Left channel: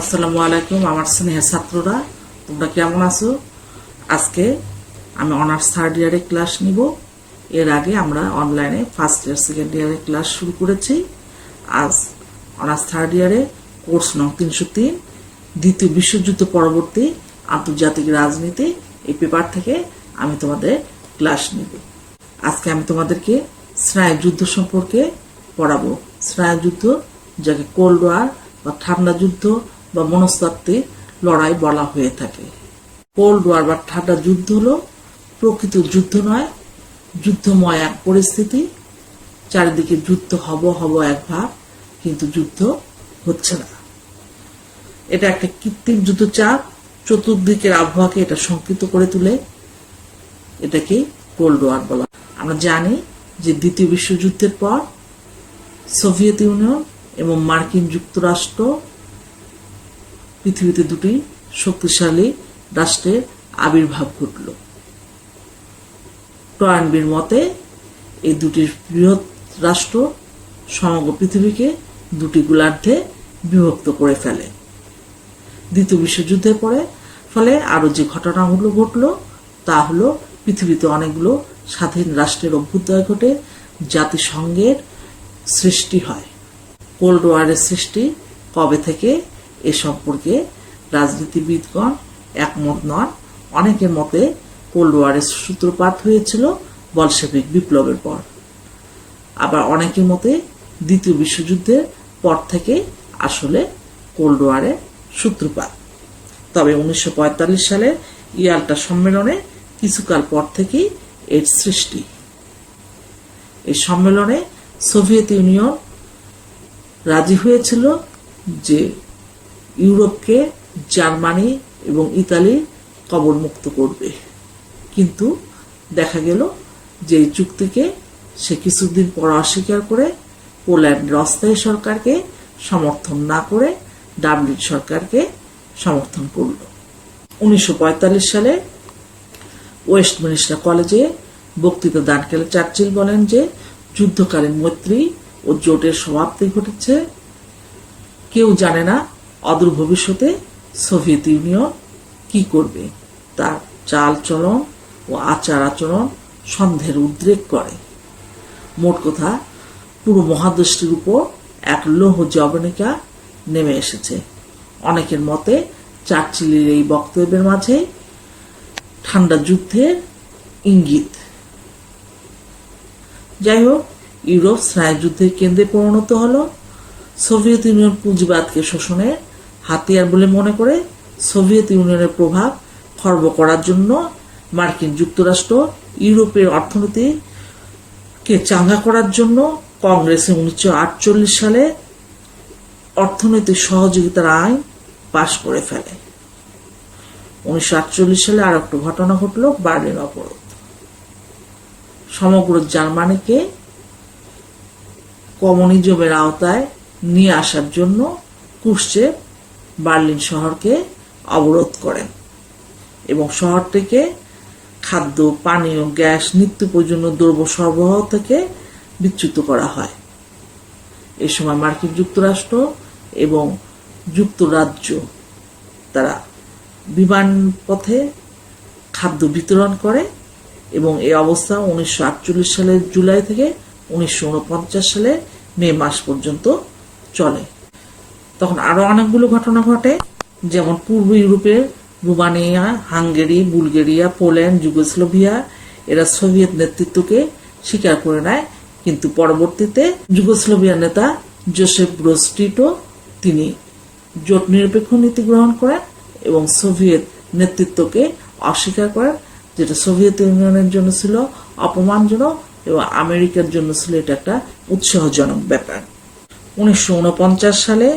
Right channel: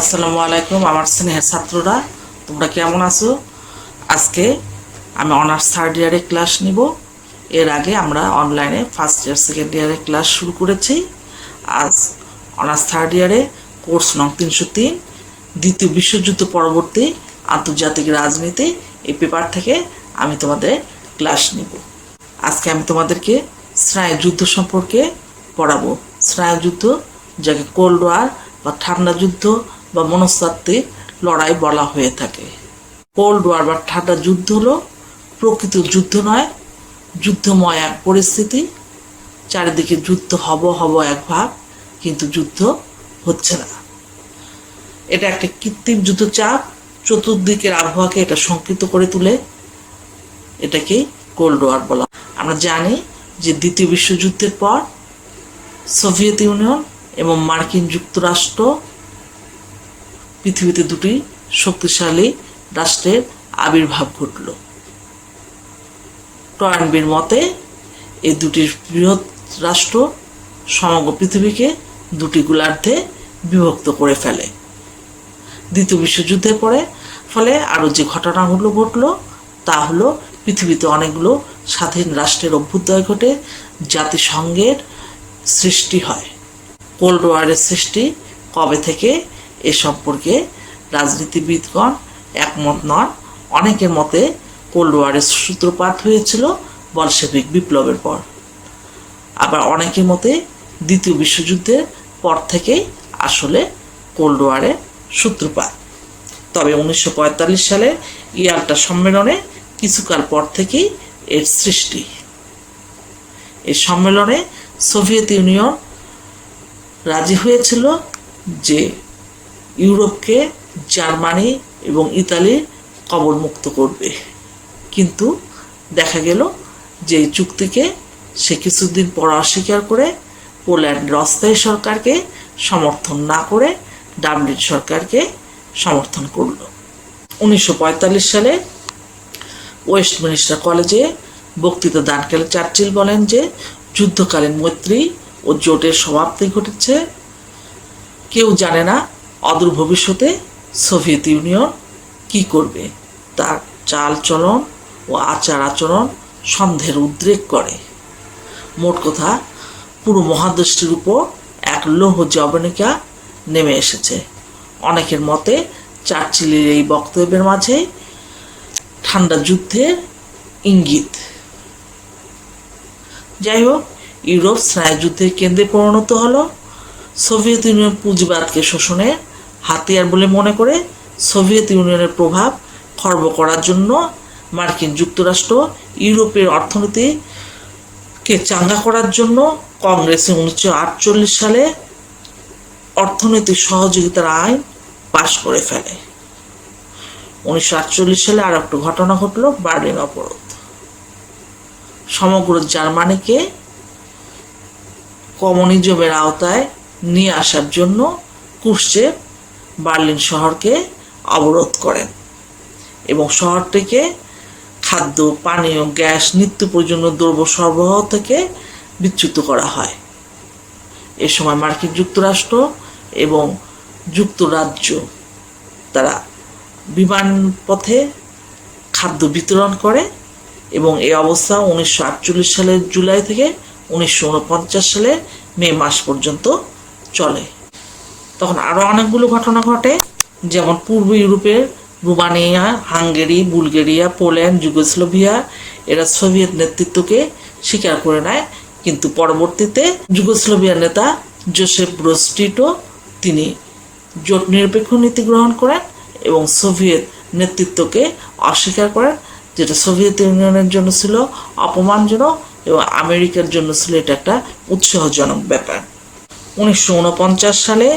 আসসালামু আলাইকুম আমার স্নেহের ছাত্ররা, তোমরা কেমন আছো? আজকে আমি অনার্স থার্ড ইয়ারে ক্লাস নিব। এর আগে আমরা অনলাইনে ফার্স্ট ইয়ার সেকেন্ড ইয়ারে ক্লাস শুরু করেছি। আজ অনার্স থার্ড ইয়ারে কোর্স নং 303 দ্বিতীয় বিশ্বযুদ্ধ পরবর্তী আন্তর্জাতিক রাজনীতি এই পেপার থেকে আমি তোমাদের ক্লাস নিব। আজকে আমি তোমাদেরকে স্নায়ুযুদ্ধ সম্পর্কে পড়াবো। স্নায়ুযুদ্ধ, যাকে কোল্ড ওয়ার বা ঠান্ডা যুদ্ধ বা মনস্তাত্ত্বিক লড়াই বলা হয়ে থাকে। কোল্ড ওয়ার বা ঠান্ডা যুদ্ধ হলো প্রকৃত যুদ্ধ নয়, যুদ্ধময় এক পরিস্থিতি। চারিদিকে যুদ্ধ হব এক ভাব, কিন্তু যুদ্ধ হচ্ছে না। এটা একটা কৃত্রিম যুদ্ধচাপ, চতুর্দিকের আবহাওয়াকে এটা সংকীর্ণ করে তুলে। এটাকে কোল্ড ওয়ার বলা। আমরা জানি যে দ্বিতীয় বিশ্বযুদ্ধের পর সোভিয়েত ইউনিয়ন এবং মার্কিন যুক্তরাষ্ট্র পৃথিবীতে দুটি শক্তিশালী রাষ্ট্রের আবির্ভাব ঘটল। টর্নবির মতে এই দুটি বৃহৎ রাষ্ট্র সমগ্র পৃথিবীকে দুটি গোলার্ধে বিভক্ত করে ফেলে। দ্বিতীয় বিশ্বযুদ্ধের পরে ফলে আরও যে ঘটনাগুলো ঘটল তা হলো পৃথিবীতে অনেকগুলো স্বাধীন রাষ্ট্রের অভ্যুদয় ঘটে, জাতিসংঘের সৃষ্টি হয়। কোল্ড ওয়ারের সৃষ্টি কবে থেকে এ সম্পর্কে রাজনীতিবিদগণ একমত নন। অনেকের মতে কোল্ড ওয়ারের সূত্রপাত হয়েছিল বলশেভিক বিপ্লবের পর, আবার অনেকের মতে দ্বিতীয় বিশ্বযুদ্ধের পর থেকেই আসলে কোল্ড ওয়ারের সূত্রপাত। তবে 1945 সালে ইয়াল্টা সম্মেলনে কিছুকাল পর থেকেই এর সৃষ্টি। এই সম্মেলনে সোভিয়েত ইউনিয়ন রাজি হয়েছিল যে ইউরোপকে জার্মানি এবং ইতালির কবলমুক্ত করবে, কিন্তু দেখা গেল যে এই চুক্তিকে সে কিছুদিন পর অস্বীকার করে পোল্যান্ডের অস্থায়ী সরকারকে সমর্থন না করে ডাবলিন সরকারকে সমর্থন করল। 1945 সালে ওয়েস্টমিনিস্টার কলেজে বক্তৃতা দানকালে চার্চিল বলেন যে যুদ্ধকালীন মৈত্রী ও জোটের সমাপ্তি ঘটেছে। কেউ জানে না অদূর ভবিষ্যতে সোভিয়েত ইউনিয়ন কি করবে। তার চাল চলন ও আচার আচরণ সন্দেহের উদ্রেক করে। মোট কথা, পুরো মহাদেশটির উপর এক লৌহ জবনিকা নেমে এসেছে। অনেকের মতে চার্চিলের এই বক্তব্যের মাঝে ঠান্ডা যুদ্ধের ইঙ্গিত। যাই হোক, ইউরোপ স্নায়ুযুদ্ধের কেন্দ্রে পরিণত হলো। সোভিয়েত ইউনিয়ন পুঁজিবাদকে শোষণের হাতিয়ার বলে মনে করে সোভিয়েত ইউনিয়নের প্রভাব খর্ব করার জন্য মার্কিন যুক্তরাষ্ট্র ইউরোপের অর্থনীতিকে চাঙ্গা করার জন্য কংগ্রেসে 1948 সালে অর্থনৈতিক সহযোগিতার আইন পাশ করে ফেলে। 1948 সালে আর একটা ঘটনা ঘটল, বার্লিন অবরোধ। সমগ্র জার্মানিকে কমিউনিজমের আওতায় নিয়ে আসার জন্য ক্রুশ্চেভ বার্লিন শহরকে অবরোধ করেন এবং শহরটিকে খাদ্য, পানীয়, গ্যাস, নিত্য প্রয়োজনীয় দ্রব্য সরবরাহ থেকে বিচ্যুত করা হয়। এ সময় মার্কিন যুক্তরাষ্ট্র এবং যুক্তরাজ্য তারা বিমান পথে খাদ্য বিতরণ করে এবং এই অবস্থা 1948 সালের জুলাই থেকে 1949 সালের মে মাস পর্যন্ত চলে। তখন আরও অনেকগুলো ঘটনা ঘটে, যেমন পূর্ব ইউরোপের Romania, Hungary, Bulgaria, Poland, Yugoslavia এরা সোভিয়েত নেতৃত্বকে স্বীকার করে নেয়, কিন্তু পরবর্তীতে যুগোস্লোভিয়ার নেতা জোসেফ ব্রোজ টিটো তিনি জোট নিরপেক্ষ নীতি গ্রহণ করেন এবং সোভিয়েত নেতৃত্বকে অস্বীকার করেন, যেটা সোভিয়েত ইউনিয়নের জন্য ছিল অপমানজনক এবং আমেরিকার জন্য ছিল এটা একটা উৎসাহজনক ব্যাপার। 1949 সালে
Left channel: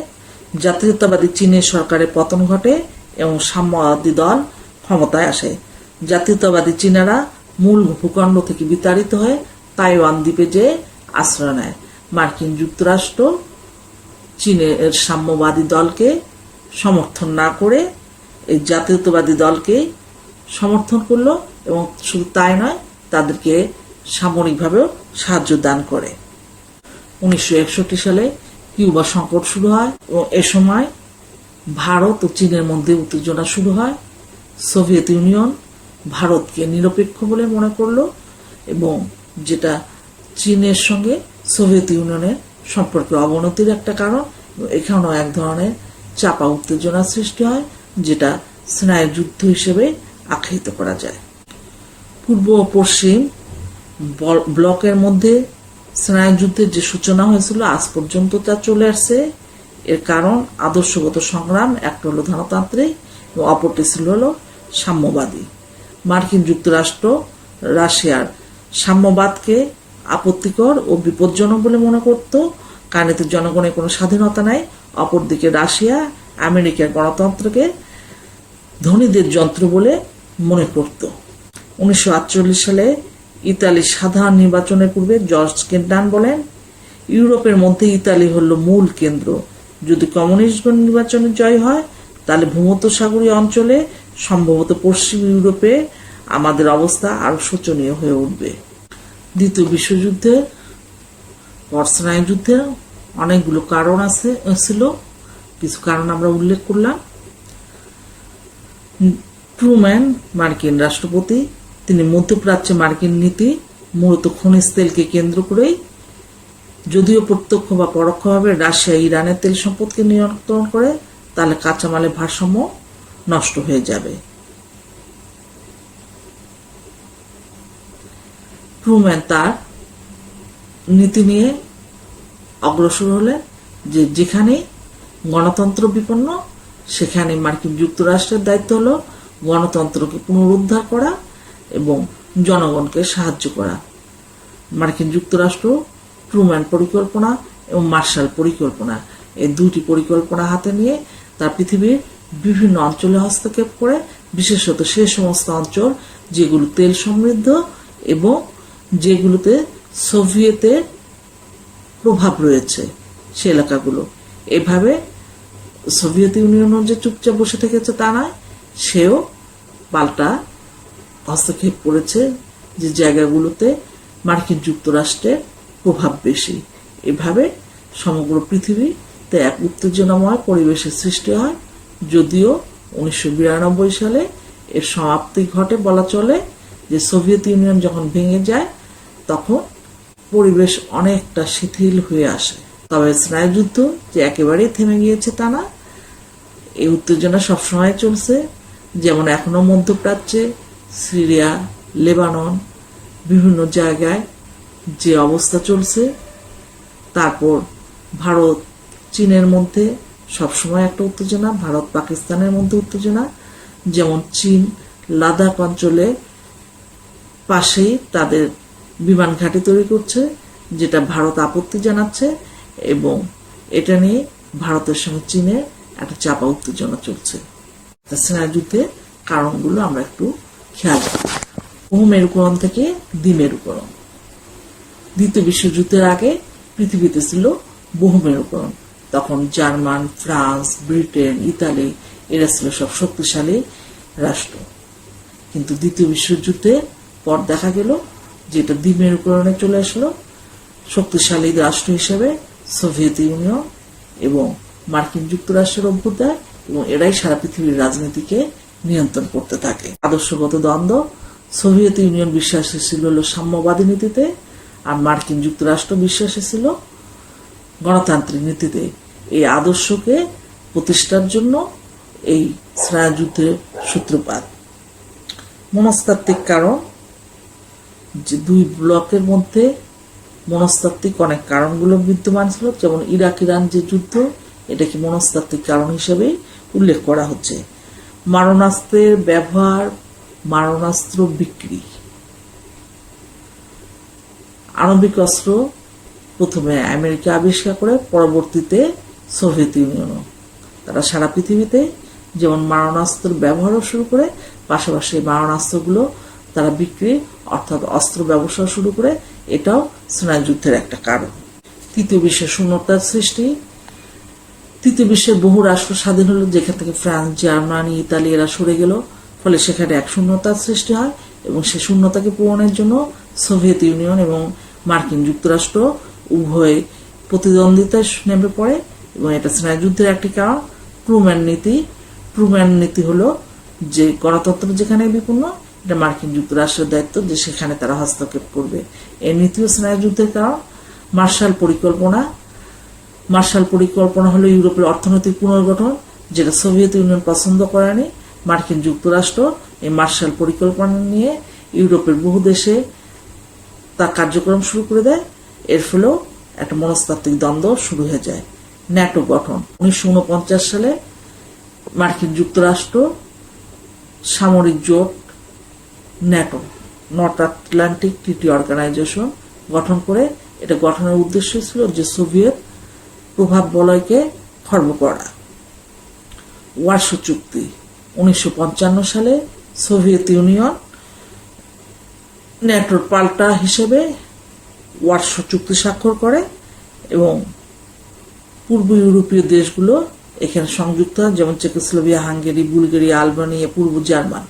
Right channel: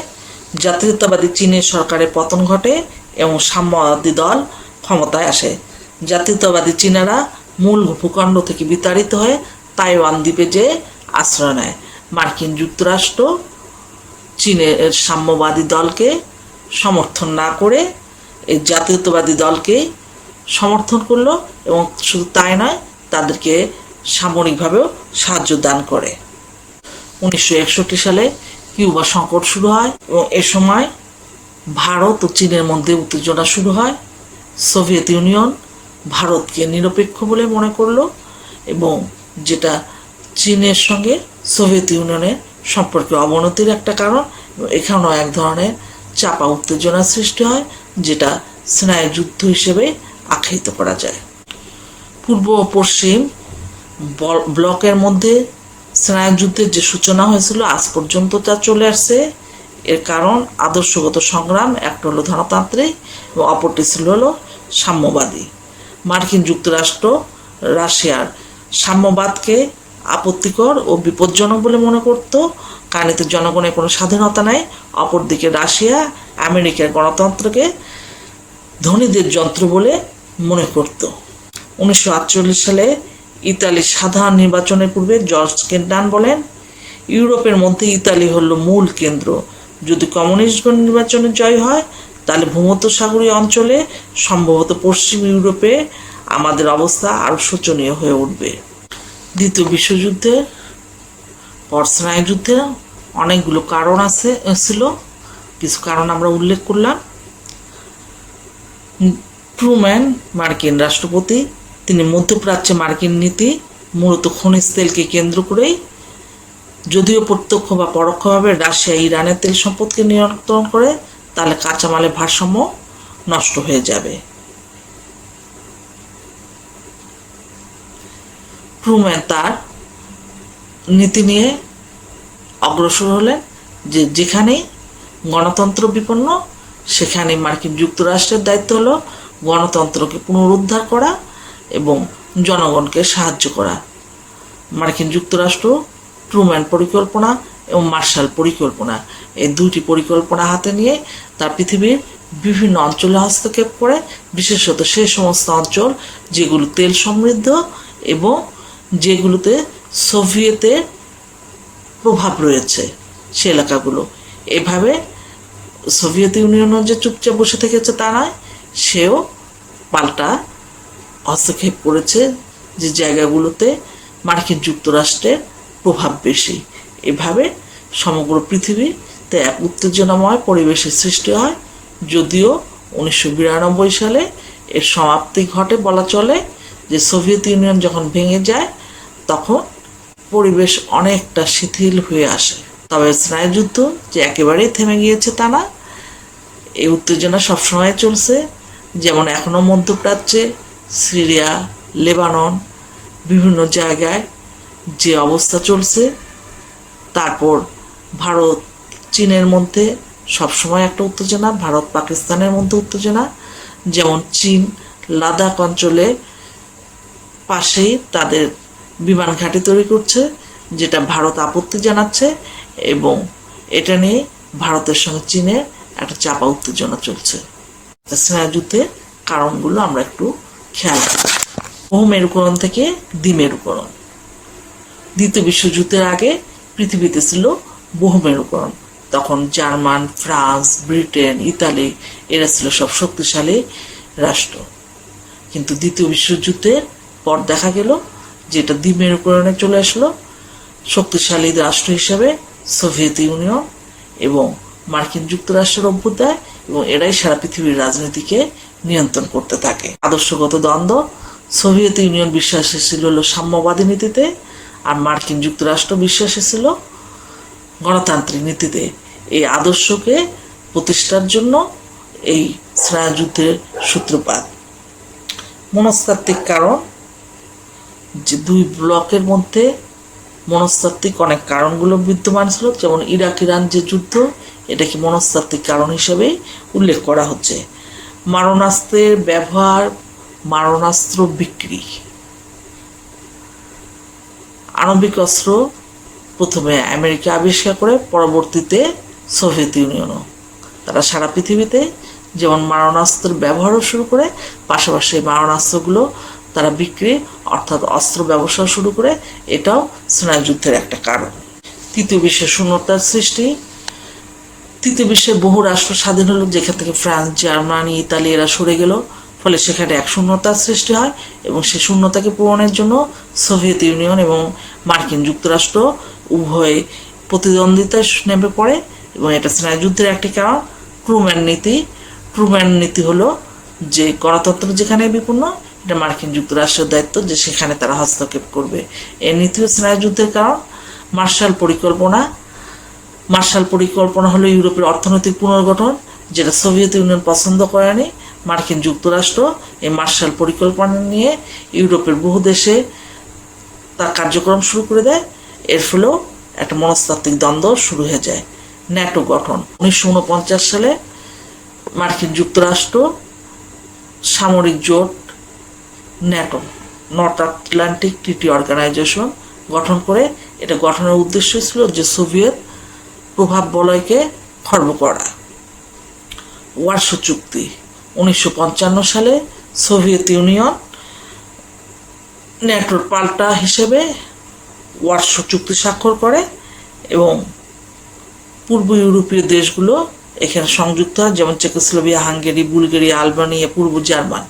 জাতীয়তাবাদী চীনের সরকারের পতন ঘটে এবং সাম্যবাদী দল ক্ষমতায় আসে। জাতীয়তাবাদী চীনারা মূল ভূখণ্ড থেকে বিতাড়িত হয়ে তাইওয়ান দ্বীপে যেয়ে আশ্রয় নেয়। মার্কিন যুক্তরাষ্ট্র চীনের সাম্যবাদী দলকে সমর্থন না করে এই জাতীয়তাবাদী দলকে সমর্থন করলো এবং শুধু তাই নয়, তাদেরকে সামরিকভাবেও সাহায্য দান করে। 1961 সালে কিউবা সংকট শুরু হয় এবং এ সময় ভারত ও চীনের মধ্যে উত্তেজনা শুরু হয়। সোভিয়েত ইউনিয়ন ভারতকে নিরপেক্ষ বলে মনে করলো এবং যেটা চীনের সঙ্গে সোভিয়েত ইউনিয়নের সম্পর্কে অবনতির একটা কারণ। এখানেও এক ধরনের চাপা উত্তেজনার সৃষ্টি হয়, যেটা স্নায়ুযুদ্ধ হিসেবে আখ্যায়িত করা যায়। পূর্ব ও পশ্চিম ব্লকের মধ্যে স্নায়ুযুদ্ধের যে সূচনা হয়েছিল আজ পর্যন্ত তা চলে আসছে। এর কারণ আদর্শগত সংগ্রাম, একটা হলো ধনতান্ত্রিক এবং অপরটি ছিল হলো সাম্যবাদী। মার্কিন যুক্তরাষ্ট্র রাশিয়ার সাম্যবাদকে আপত্তিকর ও বিপজ্জনক বলে মনে করত, কারণ এতে জনগণের কোনো স্বাধীনতা নেই। অপরদিকে রাশিয়া আমেরিকার গণতন্ত্রকে ধনীদের যন্ত্র বলে মনে করত। 1948 সালে ইতালির সাধারণ নির্বাচনের পূর্বে জর্জ কেন্টান বলেন, ইউরোপের মধ্যে ইতালি হলো মূল কেন্দ্র। যদি কমিউনিস্টগণ নির্বাচনে জয় হয় তাহলে ভূমধ্যসাগরীয় অঞ্চলে, সম্ভবত পশ্চিম ইউরোপে আমাদের অবস্থা আরও শোচনীয় হয়ে উঠবে। দ্বিতীয় বিশ্বযুদ্ধের পর স্নায়ুযুদ্ধের অনেকগুলো কারণ ছিল, কিছু কারণ আমরা উল্লেখ করলাম। ট্রুম্যান মার্কিন রাষ্ট্রপতি, তিনি মধ্যপ্রাচ্যে মার্কিন নীতি মূলত খনিজ তেলকে কেন্দ্র করেই, যদিও প্রত্যক্ষ বা পরোক্ষভাবে রাশিয়া ইরানের তেল সম্পদকে নিয়ন্ত্রণ করে, তাহলে কাঁচামালের ভারসাম্য নষ্ট হয়ে যাবে। ট্রুম্যান তার নীতি নিয়ে অগ্রসর হলেন যে যেখানেই গণতন্ত্র বিপন্ন সেখানে মার্কিন যুক্তরাষ্ট্রের দায়িত্ব হলো গণতন্ত্রকে পুনরুদ্ধার করা এবং জনগণকে সাহায্য করা। মার্কিন যুক্তরাষ্ট্র ট্রুম্যান পরিকল্পনা এবং মার্শাল পরিকল্পনা, এই দুইটি পরিকল্পনা হাতে নিয়ে তার পৃথিবীর বিভিন্ন অঞ্চলে হস্তক্ষেপ করে, বিশেষত সেই সমস্ত অঞ্চল যেগুলো তেল সমৃদ্ধ এবং যেগুলোতে সোভিয়েতের প্রভাব রয়েছে সে এলাকাগুলো। এভাবে সোভিয়েত ইউনিয়নও যে চুপচাপ বসে থেকেছে তা নয়, সেও পাল্টা হস্তক্ষেপ করেছে যে জায়গাগুলোতে মার্কিন যুক্তরাষ্ট্রের প্রভাব বেশি। এভাবে সমগ্র পৃথিবীতে এক উত্তেজনাময় পরিবেশের সৃষ্টি হয়। যদিও 1992 সালে এর সমাপ্তি ঘটে বলা চলে, যে সোভিয়েত ইউনিয়ন যখন ভেঙে যায় তখন পরিবেশ অনেকটা শিথিল হয়ে আসে। তবে স্নায়ুযুদ্ধ যে একেবারেই থেমে গিয়েছে তা না, এই উত্তেজনা সবসময় চলছে। যেমন এখনও মধ্যপ্রাচ্যে সিরিয়া, লেবানন, বিভিন্ন জায়গায় যে অবস্থা চলছে। তারপর ভারত চীনের মধ্যে সবসময় একটা উত্তেজনা, ভারত পাকিস্তানের মধ্যে উত্তেজনা। যেমন চীন লাদাখ অঞ্চলে পাশেই তাদের বিমান ঘাঁটি তৈরি করছে, যেটা ভারত আপত্তি জানাচ্ছে এবং এটা নিয়ে ভারতের সঙ্গে চীনের একটা চাপা উত্তেজনা চলছে। স্নায়ুযুদ্ধের কারণগুলো আমরা একটু খেয়াল করি। বহুমেরুকরণ থেকে দ্বিমেরুকরণ। দ্বিতীয় বিশ্বযুদ্ধের আগে পৃথিবীতে ছিল বহুমেরুকরণ। তখন জার্মান, ফ্রান্স, ব্রিটেন, ইতালি এরা ছিল সব শক্তিশালী রাষ্ট্র। কিন্তু দ্বিতীয় বিশ্বযুদ্ধের পর দেখা গেল যে এটা দ্বিমেরুকরণে চলে আসলো। শক্তিশালী রাষ্ট্র হিসেবে সোভিয়েত ইউনিয়ন এবং মার্কিন যুক্তরাষ্ট্রের অভ্যুদয়, এবং এরাই সারা পৃথিবীর রাজনীতিকে নিয়ন্ত্রণ করতে থাকে। আদর্শগত দ্বন্দ্ব, সোভিয়েত ইউনিয়ন বিশ্বাসী ছিল হলো সাম্যবাদী নীতিতে, আর মার্কিন যুক্তরাষ্ট্র বিশ্বাসী ছিল গণতান্ত্রিক নীতিতে। এই আদর্শকে প্রতিষ্ঠার জন্য এই স্নায়ুযুদ্ধের সূত্রপাত। মনস্তাত্ত্বিক কারণ, যে দুই ব্লকের মধ্যে মনস্তাত্ত্বিক অনেক কারণগুলো বিদ্যমান ছিল। যেমন ইরাক ইরান যে যুদ্ধ, এটাকে মনস্তাত্ত্বিক কারণ হিসেবেই উল্লেখ করা হচ্ছে। মারণাস্ত্রের ব্যবহার, মারণাস্ত্র বিক্রি। আণবিক অস্ত্র প্রথমে আমেরিকা আবিষ্কার করে, পরবর্তীতে সোভিয়েত ইউনিয়নও। তারা সারা পৃথিবীতে যেমন মারণাস্ত্রের ব্যবহারও শুরু করে, পাশাপাশি মারণাস্ত্রগুলো তারা বিক্রি অর্থাৎ অস্ত্র ব্যবসা শুরু করে। এটাও স্নায়ুযুদ্ধের একটা কারণ। তৃতীয় বিশ্বের শূন্যতার সৃষ্টি। তৃতীয় বিশ্বের বহু রাষ্ট্র স্বাধীন হলো, যেখান থেকে ফ্রান্স, জার্মানি, ইতালি এরা সরে গেল। ফলে সেখানে এক শূন্যতার সৃষ্টি হয় এবং সেই শূন্যতাকে পূরণের জন্য সোভিয়েত ইউনিয়ন এবং মার্কিন যুক্তরাষ্ট্র উভয় প্রতিদ্বন্দ্বিতায় নেমে পড়ে এবং এটা স্নায়ুযুদ্ধের একটি কারণ। ট্রুম্যান নীতি হলো যে গণতন্ত্র যেখানে বিপন্ন, এটা মার্কিন যুক্তরাষ্ট্রের দায়িত্ব যে সেখানে তারা হস্তক্ষেপ করবে। এই নীতিও স্নায়ুযুদ্ধের কারণ। মার্শাল পরিকল্পনা হলো ইউরোপের অর্থনৈতিক পুনর্গঠন, যেটা সোভিয়েত ইউনিয়ন পছন্দ করেনি। মার্কিন যুক্তরাষ্ট্র এই মার্শাল পরিকল্পনা নিয়ে ইউরোপের বহু দেশে তার কার্যক্রম শুরু করে দেয়। এর ফলেও একটা মনস্তাত্ত্বিক দ্বন্দ্ব শুরু হয়ে যায়। ন্যাটো গঠন 1949 সালে মার্কিন যুক্তরাষ্ট্র সামরিক জোট NATO, north Atlantic treaty organization গঠন করে। এটা গঠনের উদ্দেশ্য ছিল যে সোভিয়েত প্রভাব বলয়কে খর্ব করা। ওয়ারশো চুক্তি 1955 সালে সোভিয়েত ইউনিয়ন ন্যাটোর পাল্টা হিসেবে ওয়ারশো চুক্তি স্বাক্ষর করে এবং পূর্ব ইউরোপীয় দেশগুলো এখানে সংযুক্ত হয়, যেমন চেকোস্লোভাকিয়া, হাঙ্গেরি, বুলগেরিয়া, আলবেনিয়া, পূর্ব জার্মান।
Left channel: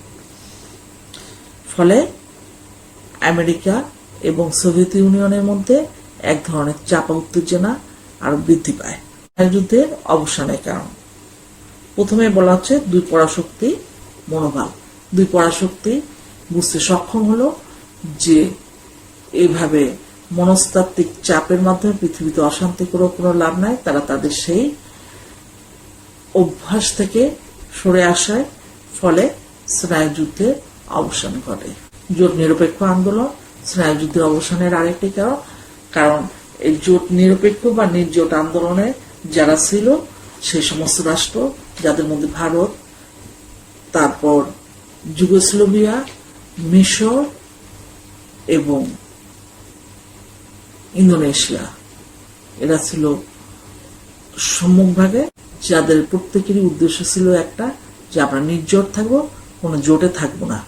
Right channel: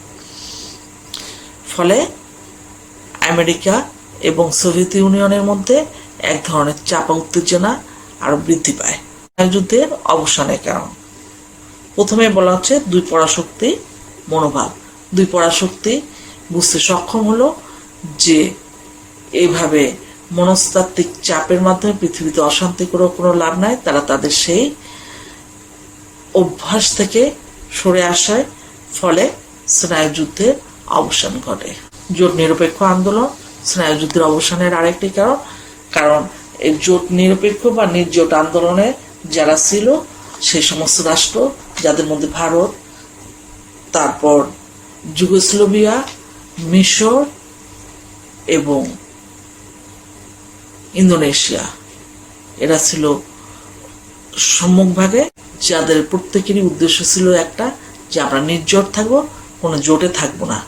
ফলে আমেরিকা এবং সোভিয়েত ইউনিয়নের মধ্যে এক ধরনের চাপা উত্তেজনা আরো বৃদ্ধি পায়। যুদ্ধের অবসানের কারণ প্রথমে বলা হচ্ছে দুই পরাশক্তি মনোভাব। দুই পরাশক্তি বুঝতে সক্ষম হলো যে এইভাবে মনস্তাত্ত্বিক চাপের মাধ্যমে পৃথিবীতে অশান্তি করেও কোনো লাভ নাই। তারা তাদের সেই অভ্যাস থেকে সরে আসায় ফলে স্নায়ুযুদ্ধের অবসান ঘটে। জোট নিরপেক্ষ আন্দোলন স্নায়ুযুদ্ধের অবসানের আরেকটি কারণ এই জোট নিরপেক্ষ বা নির্জোট আন্দোলনে যারা ছিল সেই সমস্ত রাষ্ট্র, যাদের মধ্যে ভারত, তারপর যুগোস্লোভিয়া, মিশর এবং ইন্দোনেশিয়া, এরা ছিল সম্মুখভাগে, যাদের প্রত্যেকেরই উদ্দেশ্য ছিল একটা, যে আমরা নির্জোট থাকবো, কোনো জোটে থাকবো না।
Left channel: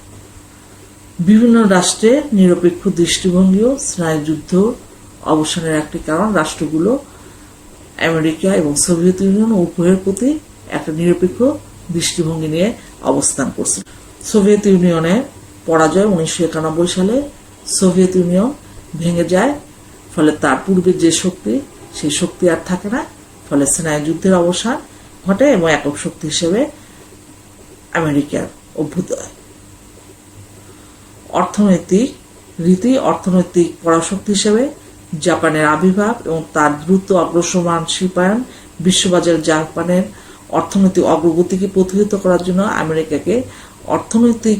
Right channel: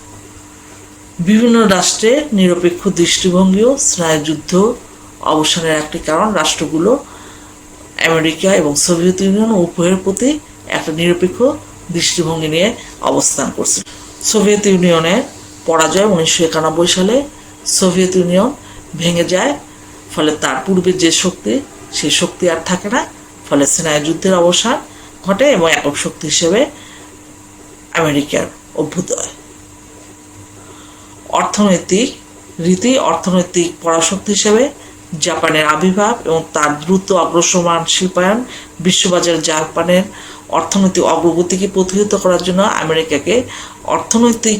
বিভিন্ন রাষ্ট্রের নিরপেক্ষ দৃষ্টিভঙ্গিও স্নায়ুযুদ্ধ অবসানের একটি কারণ। রাষ্ট্রগুলো আমেরিকা এবং সোভিয়েত ইউনিয়ন উভয়ের প্রতি একটা নিরপেক্ষ দৃষ্টিভঙ্গি নিয়ে অবস্থান করছে। সোভিয়েত ইউনিয়নের পরাজয় 1991 সালে সোভিয়েত ইউনিয়ন ভেঙে যায়। ফলে তার পূর্বে যে শক্তি, সেই শক্তি আর থাকে না। ফলে স্নায়ুযুদ্ধের অবসান ঘটে এবং একক শক্তি হিসেবে আমেরিকার অভ্যুদয়। অর্থনৈতিক পরাশক্তি হিসেবে জাপানের আবির্ভাব এবং তার দ্রুত অগ্রসরমান শিল্পায়ন বিশ্ববাজারে জাপানের অর্থনৈতিক অগ্রগতিকে প্রতিহত করার জন্য আমেরিকাকে অর্থনৈতিক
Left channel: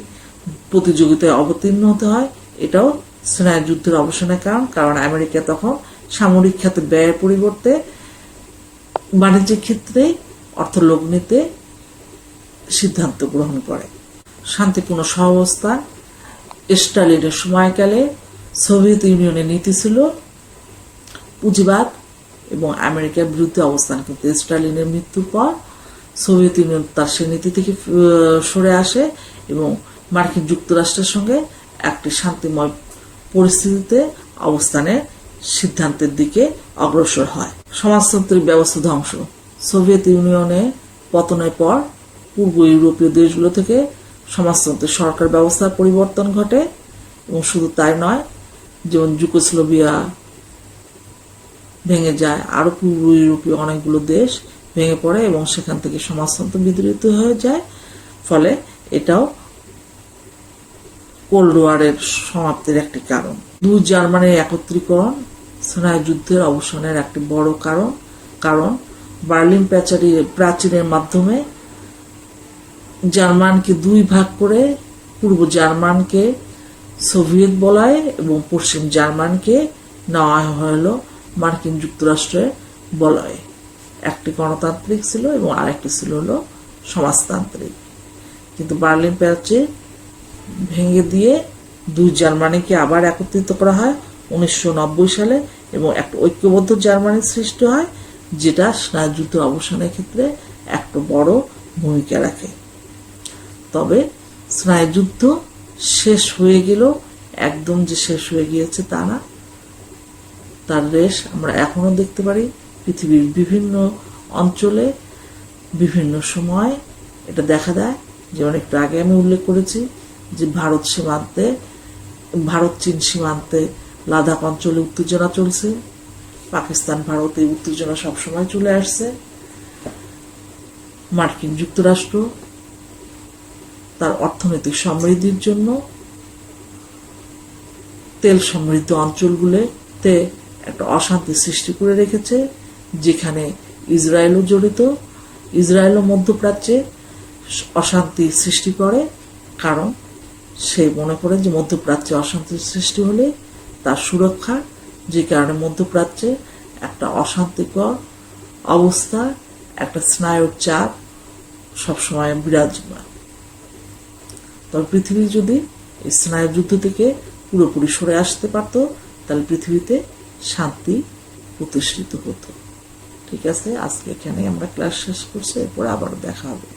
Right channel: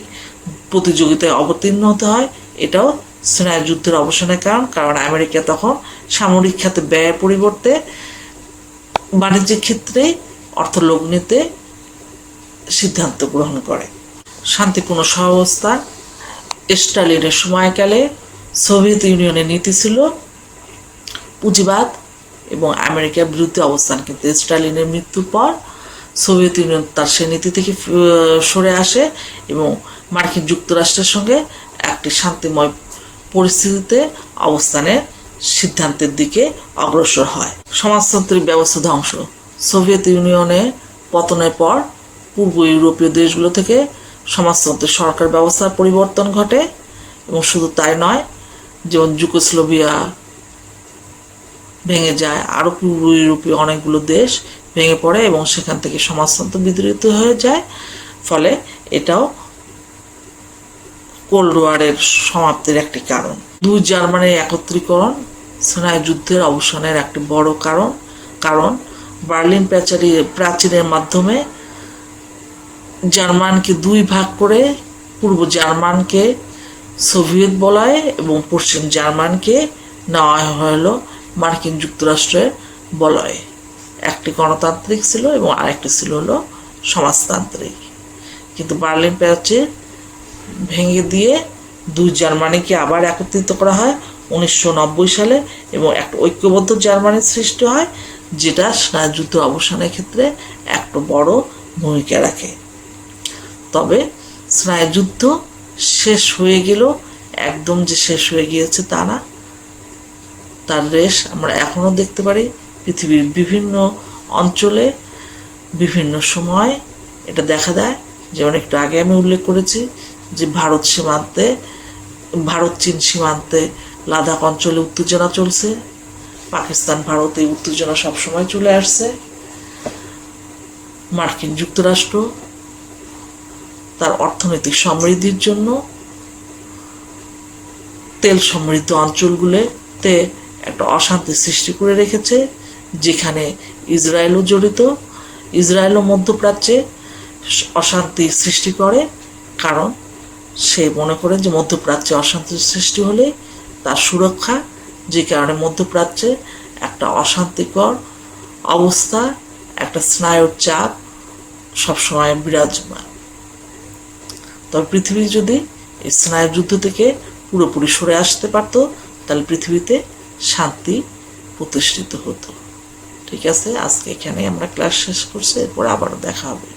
প্রতিযোগিতায় অবতীর্ণ হতে হয়। এটাও স্নায়ুযুদ্ধের অবসানের কারণ আমেরিকা তখন সামরিক খাতে ব্যয়ের পরিবর্তে বাণিজ্যিক ক্ষেত্রে অর্থলোভ নিতে সিদ্ধান্ত গ্রহণ করে। শান্তিপূর্ণ সহাবস্থান স্টালিনের সময়কালে সোভিয়েত ইউনিয়নের নীতি ছিল পুঁজিবাদ এবং আমেরিকার বিরুদ্ধে অবস্থান, কিন্তু স্টালিনের মৃত্যুর পর সোভিয়েত ইউনিয়ন তার সে নীতি থেকে সরে আসে এবং মার্কিন যুক্তরাষ্ট্রের সঙ্গে একটি শান্তিময় পরিস্থিতিতে অবস্থানের সিদ্ধান্তের দিকে অগ্রসর হয়। সমাজতান্ত্রিক ব্যবস্থা ধ্বংস সোভিয়েত ইউনিয়নের পতনের পর পূর্ব ইউরোপীয় দেশগুলো থেকে সমাজতন্ত্রের সরকার ব্যবস্থার পরিবর্তন ঘটে এবং শুধু তাই নয়, যেমন যুগোস্লোভিয়া ভেঙে যায়, আরও পূর্ব ইউরোপীয় অনেকগুলো দেশ ভেঙে পড়ে এবং সেখান থেকে সমাজতন্ত্র বিদরিত হয়ে যায়। ফলে এটাও কোল্ড ওয়ারের সমাপ্তির একটি কারণ। দুই জার্মানির একত্রীকরণ স্নায়ুযুদ্ধের অবসানের একটি বড় কারণ বার্লিন প্রাচীরের মাধ্যমে জার্মানকে দুই ভাগ করে পূর্ব জার্মানকে সোভিয়েত বলয় এবং পশ্চিম জার্মানকে নেওয়া হলো মার্কিন যুক্তরাষ্ট্রের বলয়ে। একটি গণতান্ত্রিক ছিল এবং আরেকটি ছিল হলো সমাজতান্ত্রিক। কিন্তু বার্লিন প্রাচীর ভেঙে দিয়ে দুই জার্মানিকে আবার একত্রিত করা হয় 1990 সালে এবং একটা ঐক্যবদ্ধ জার্মানির সৃষ্টি হয়, যেটা স্নায়ুযুদ্ধ অবসানের ক্ষেত্রে একটা বড় ভূমিকা রাখে। তবে স্নায়ুযুদ্ধ শেষ হয়ে গেল, একদম যে শেষ হয়ে গিয়েছে তা না। তার রেশ আমরা এখনও দেখতে পারি পৃথিবীর বিভিন্ন অঞ্চলে বিভিন্ন সময় এটা দেখা দেয়। যেমন একটু আগে আমি উল্লেখ করেছি যে ভারত চীন সীমান্তে লাদাখ অঞ্চলে উত্তেজনা চলছে, পাকিস্তান ভারতে উত্তেজনা সবসময় চলে আসছে। মার্কিন যুক্তরাষ্ট্র তার অর্থনৈতিক সমৃদ্ধির জন্য তেল সমৃদ্ধ অঞ্চলগুলোতে একটা অশান্তি সৃষ্টি করে রেখেছে, যেখানে ইসরায়েলও জড়িত। ইসরায়েলও মধ্যপ্রাচ্যে অশান্তি সৃষ্টি করে, কারণ সে মনে করে যে মধ্যপ্রাচ্যে অশান্তির সৃষ্টি হলে তার সুরক্ষা, যে কারণে মধ্যপ্রাচ্যে একটা অশান্তিকর অবস্থা, একটা স্নায়ুর চাপ সবসময় বিরাজমান। তবে পৃথিবী যদি এই স্নায়ু যুদ্ধ থেকে পুরোপুরি সরে আসতে পারত, তাহলে পৃথিবীতে শান্তি প্রতিষ্ঠিত হতো। ঠিক আছে, আজকে এখানে আমরা ক্লাস শেষ করছি, এরপর আবারও দেখা হবে।